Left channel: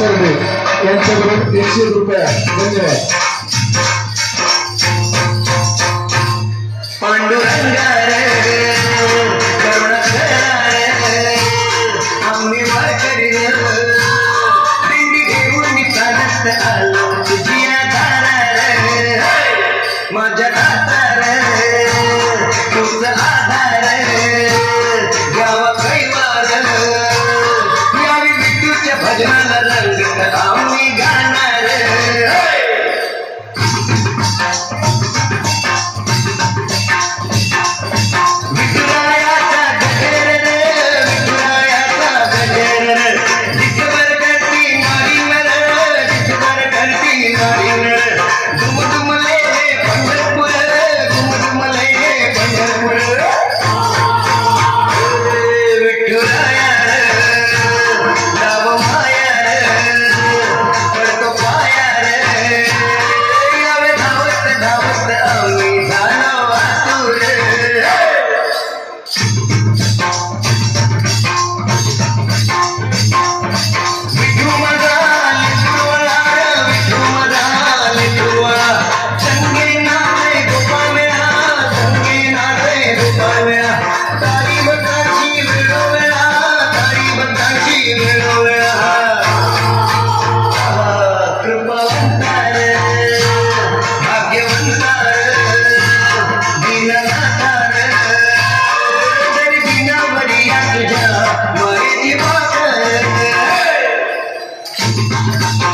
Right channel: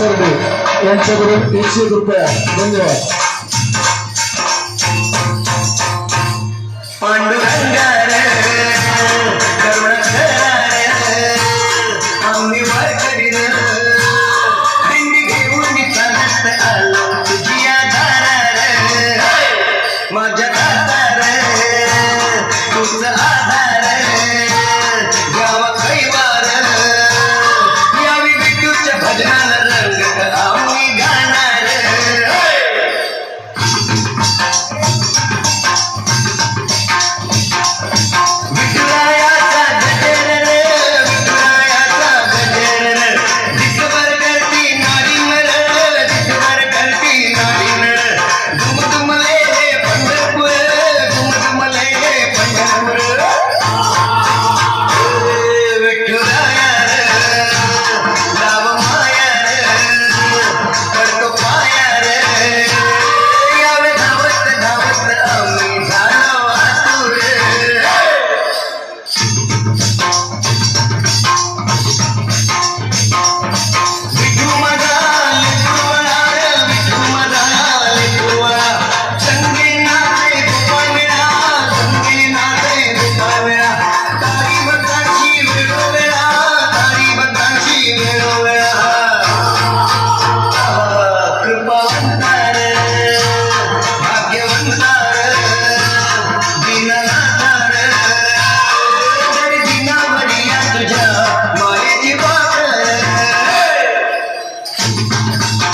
सरडे यांच्याकडून 101 रुपया. धन्यवाद. पांडुरंगा रे करुण रे आम्ही वारकरी दिंडी घेऊन चालत आलो तुझी आधार रे माझ्या दातार तुझ आधार गावा कैवार यावी विठूच्या भजनाला रंगत आम्ही गाणार. Thank you.